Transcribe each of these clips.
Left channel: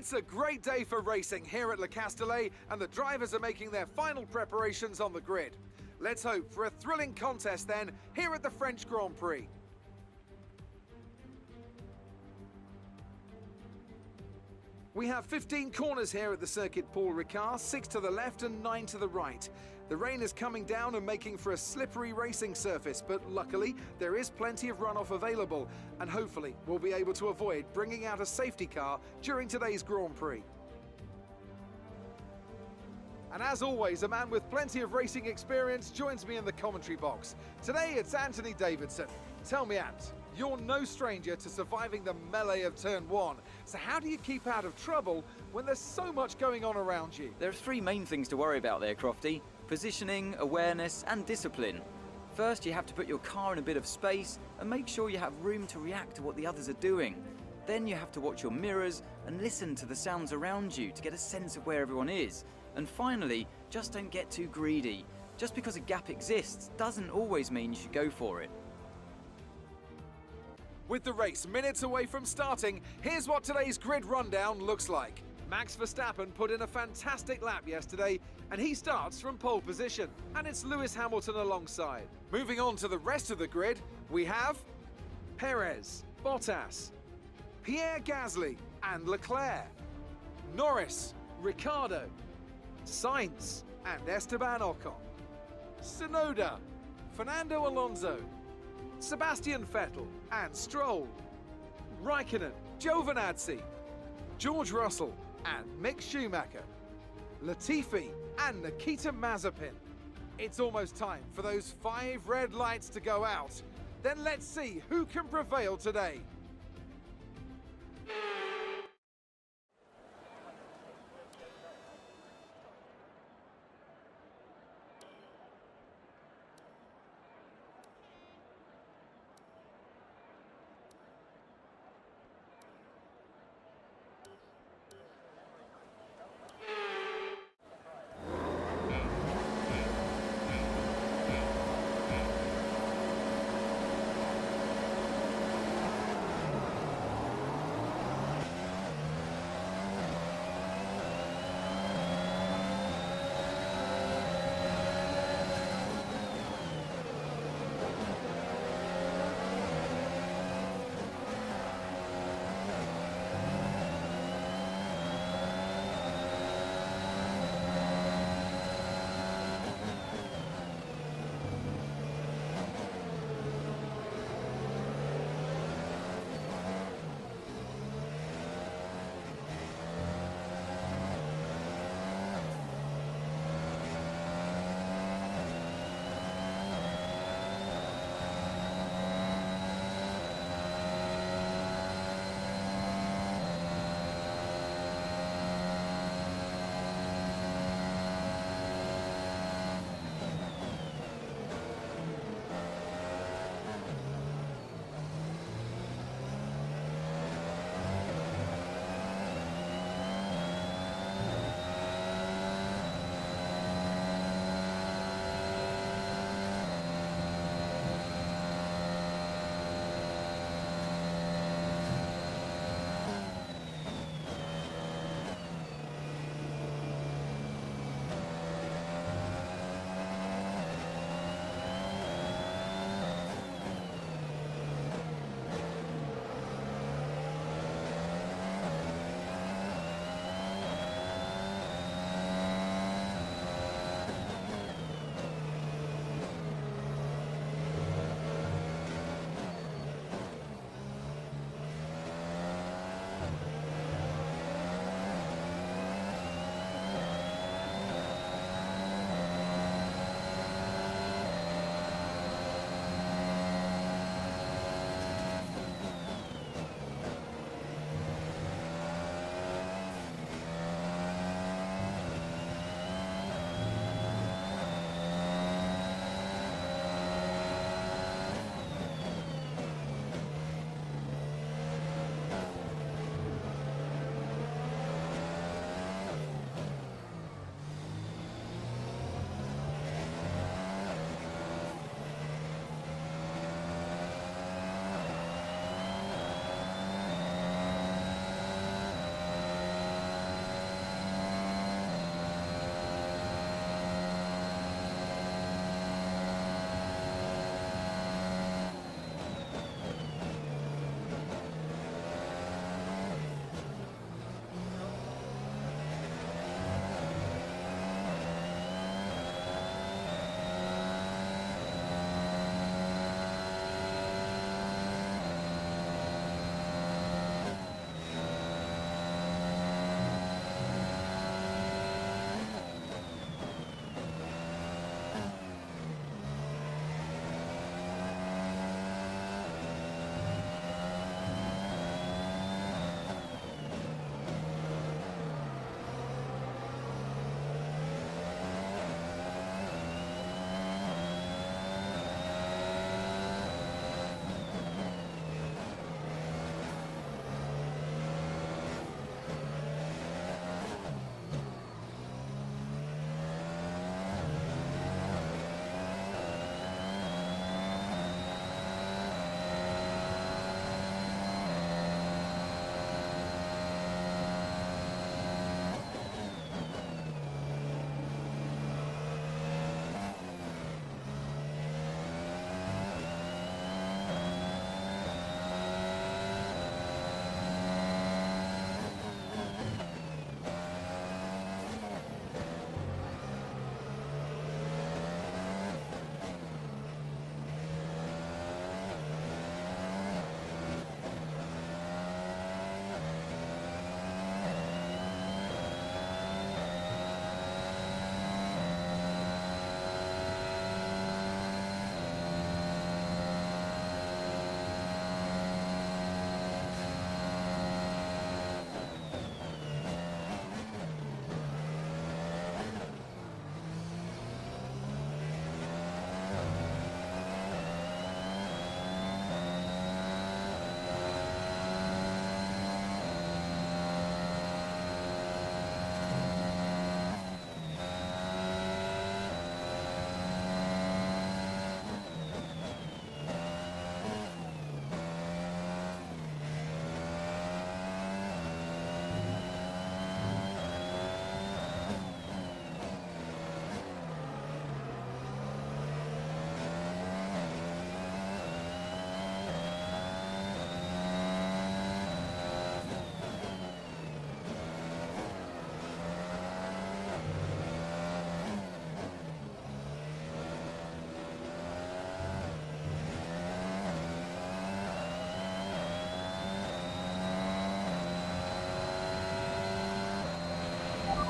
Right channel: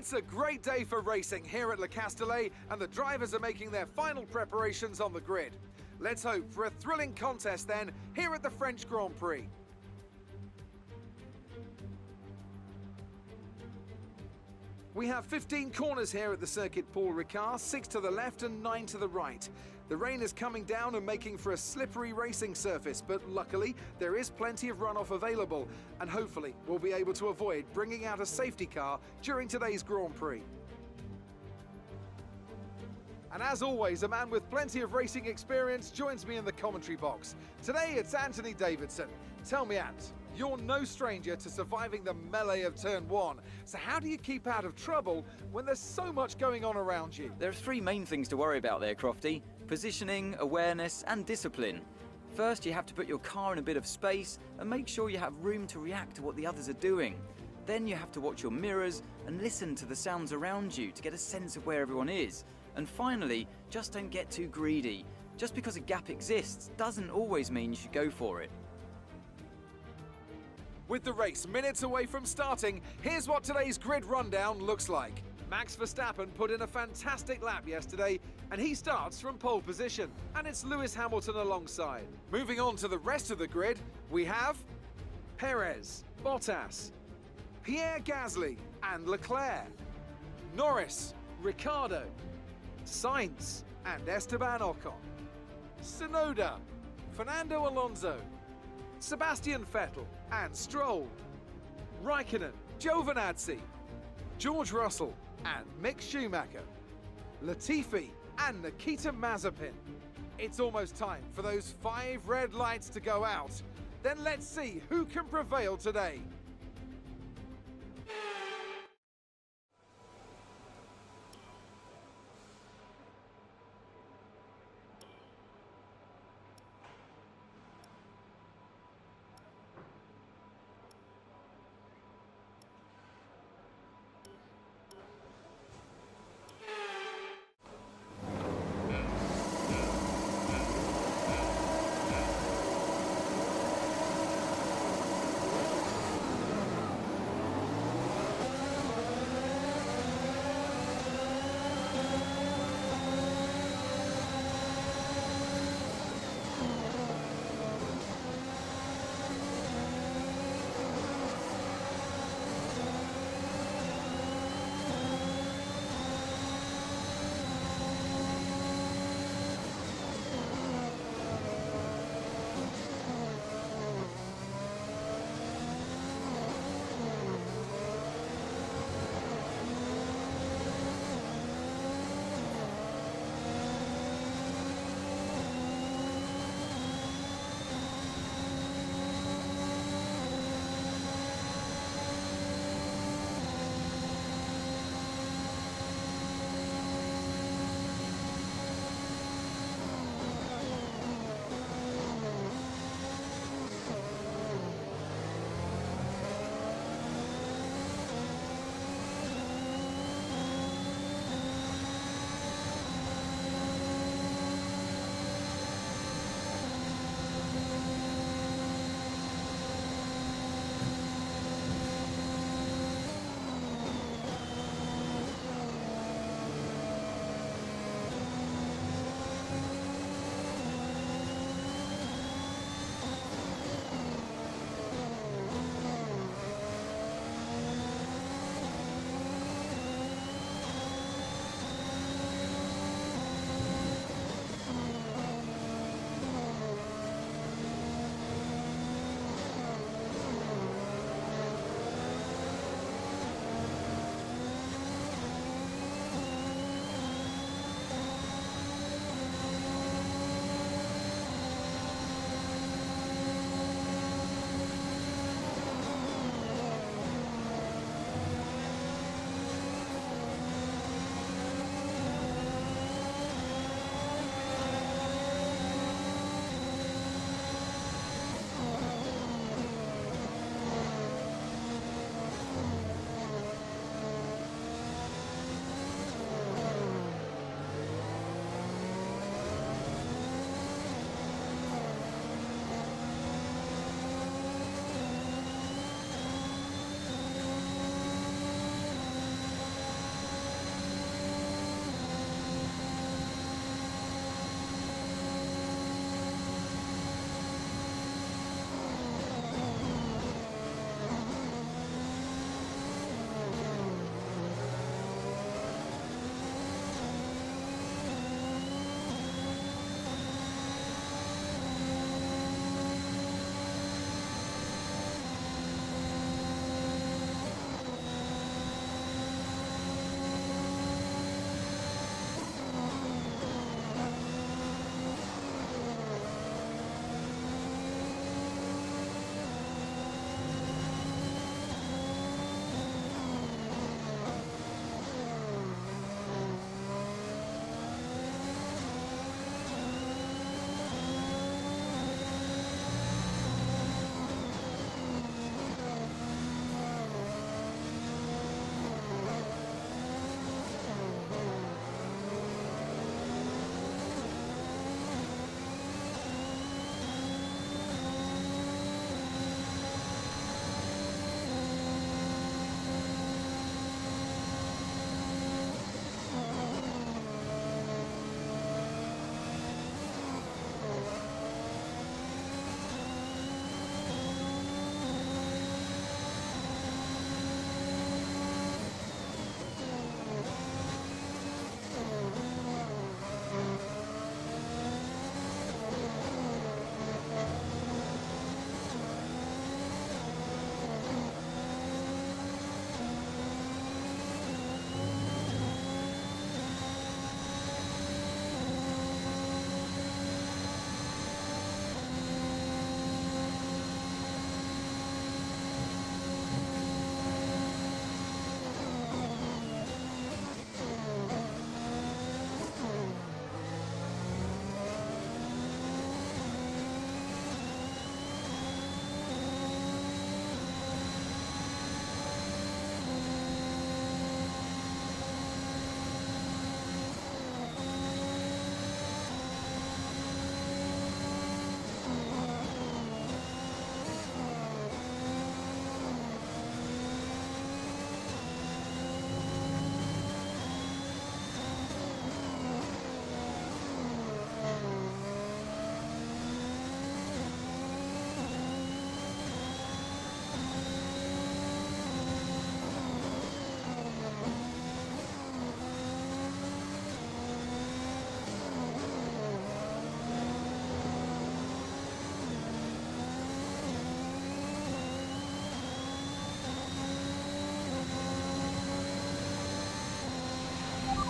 It's a great day for racing here at Le Castellet, and the drivers are making their final preparations on the grid. Let's hope for a thrilling contest then here at the French Grand Prix. We have 15 corners here at the circuit Paul Ricard, 6 to the left and 9 to the right. The rain is coming down and making for a slippery racing surface, but luckily there is plenty of runoff available, and hopefully we'll be able to avoid bringing out a safety car during today's Grand Prix. And as always, a man with plenty of racing experience joins me in the commentary box. Today it's Anthony Davidson. Tell me, Ant, you're no stranger to surviving the melee of turn 1. So how do you keep out of trouble when there's so much going on around you? There are 3 main things to worry about there, Crofty. Positioning, awareness and discipline. First, you have to put your car in a bit of space and make sure you have room to react to what the others are doing. Then you have to watch your mirrors and listen to the sounds around you to get a sense of where everyone is. And finally, just don't get too greedy. Just because a gap exists doesn't always mean you should go for it. With the race minutes away from starting, here's what today's grid rundown looks like. Max Verstappen put in a fantastic lap yesterday, and he starts from pole position, and it's Lewis Hamilton alongside. Moving on to the rest of the grid, we have Perez, Bottas, Pierre Gasly and Leclerc, Norris, Ricciardo, Sainz and Esteban Ocon, Tsunoda, Fernando Alonso, Sebastian Vettel and Stroll, Raikkonen, Giovinazzi, George Russell and Mick Schumacher, Latifi and Nikita Mazepin. It's almost time for those 5 red lights to go out. Then let's see who can prevail today.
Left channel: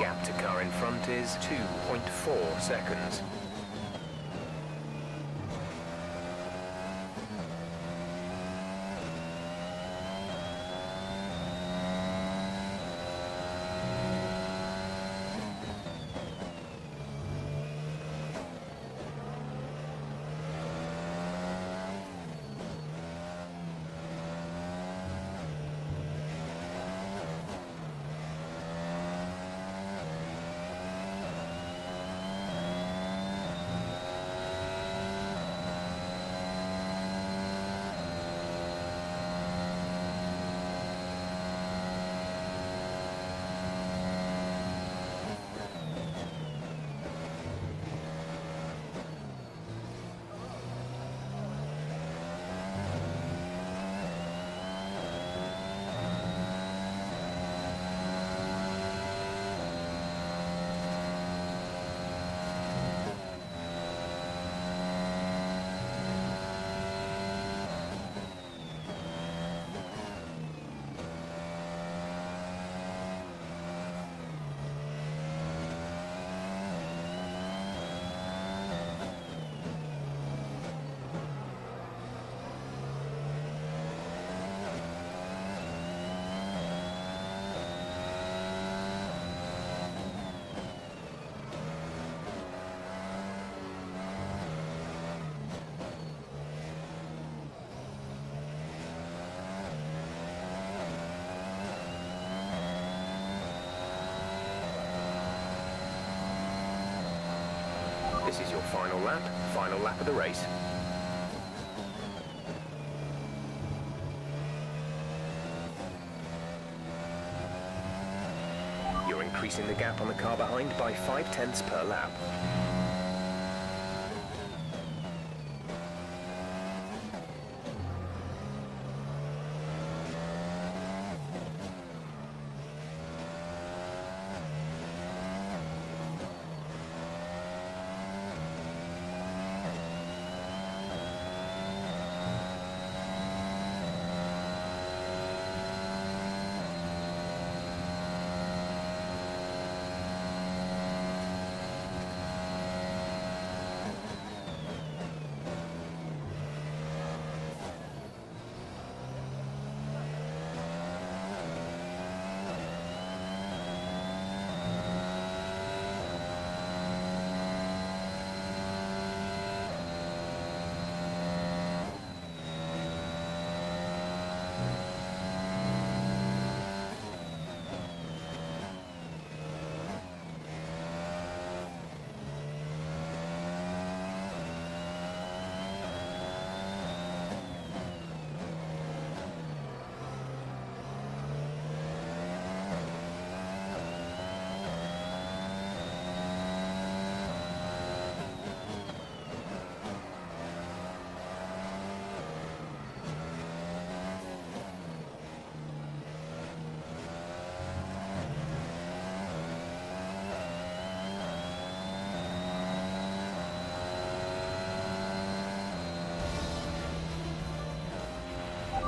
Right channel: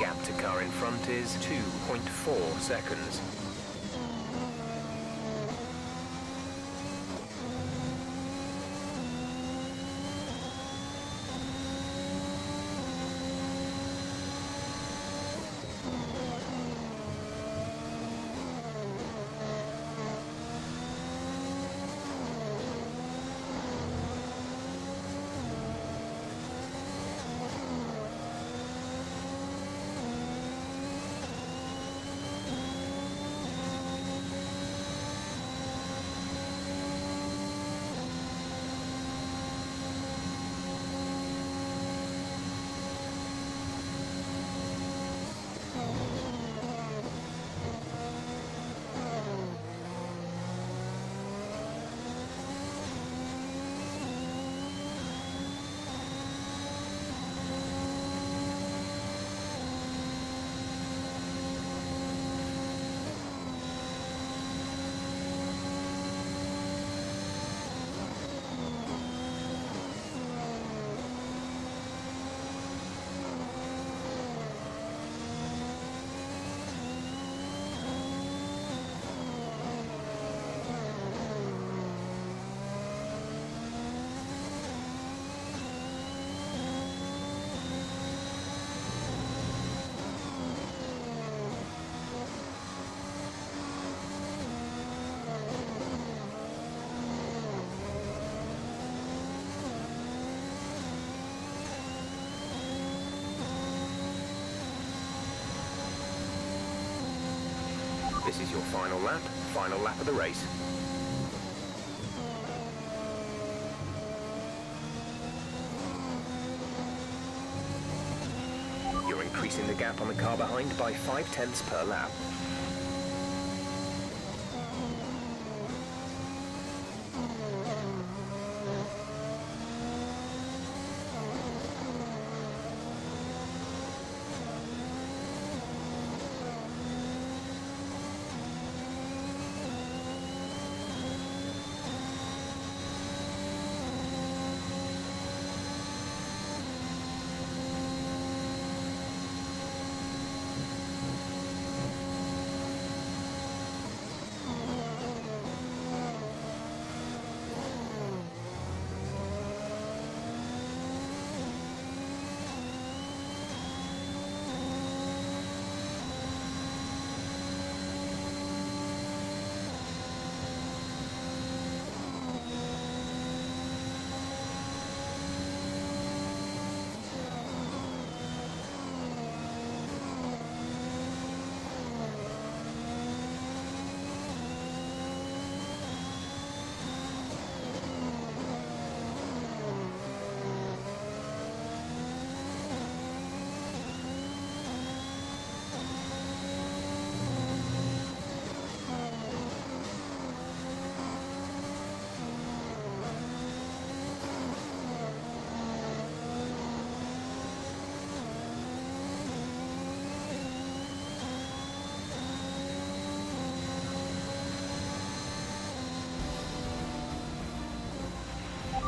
Gap to car in front is 2.4 seconds. This is your final lap of the race. You're increasing the gap on the car behind by 0.5 per lap.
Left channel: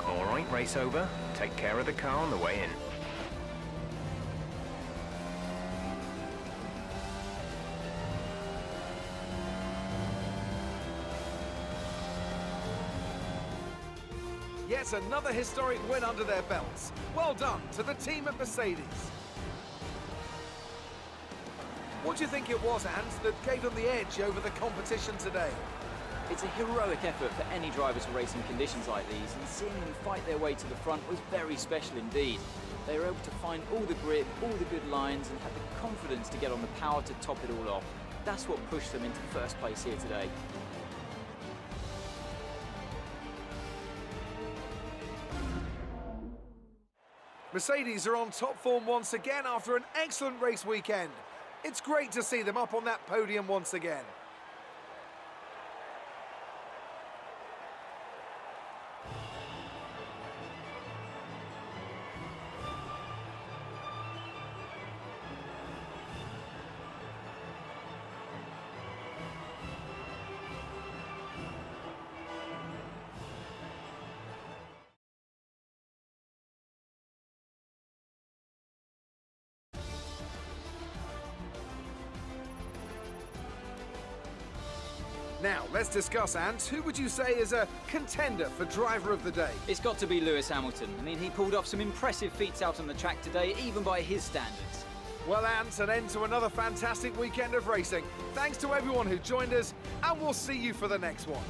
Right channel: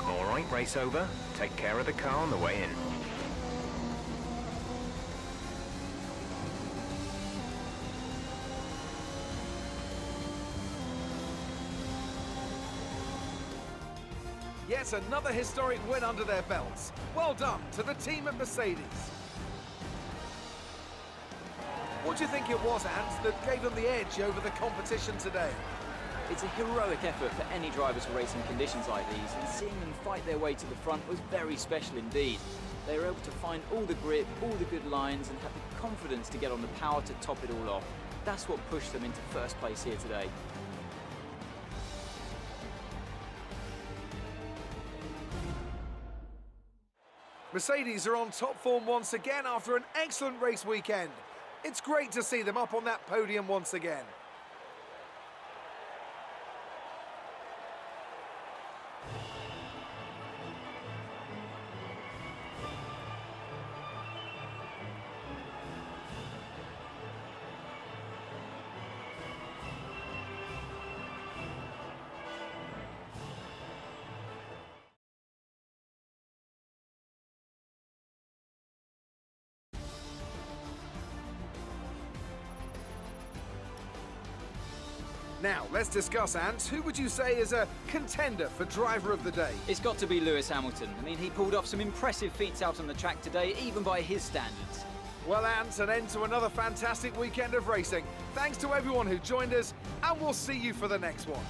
Alright, race over. Take care of the car on the way in. Yet another historic win under their belts. Well done to the team at Mercedes. What do you think it was, Ant, that gave them the edge over the competition today? It's a heroic effort for any driver to race in conditions like these, and seeing them fight their way to the front was very special indeed. They were able to find all the grip, all the good lines, and had the confidence to get on the power to top it all off. That's what pushed them into first place here today. Mercedes are on top form once again after an excellent race weekend. It's great to see them up on that podium once again. Now, let's discuss, Ant. Who would you say is a contender for driver of the day? It's got to be Lewis Hamilton. I mean, he pulled off some impressive feats out on the track today, even by his standards. Well, Ant, an end to another fantastic weekend of racing. Thanks to everyone who joined us, and we'll see you for the next one.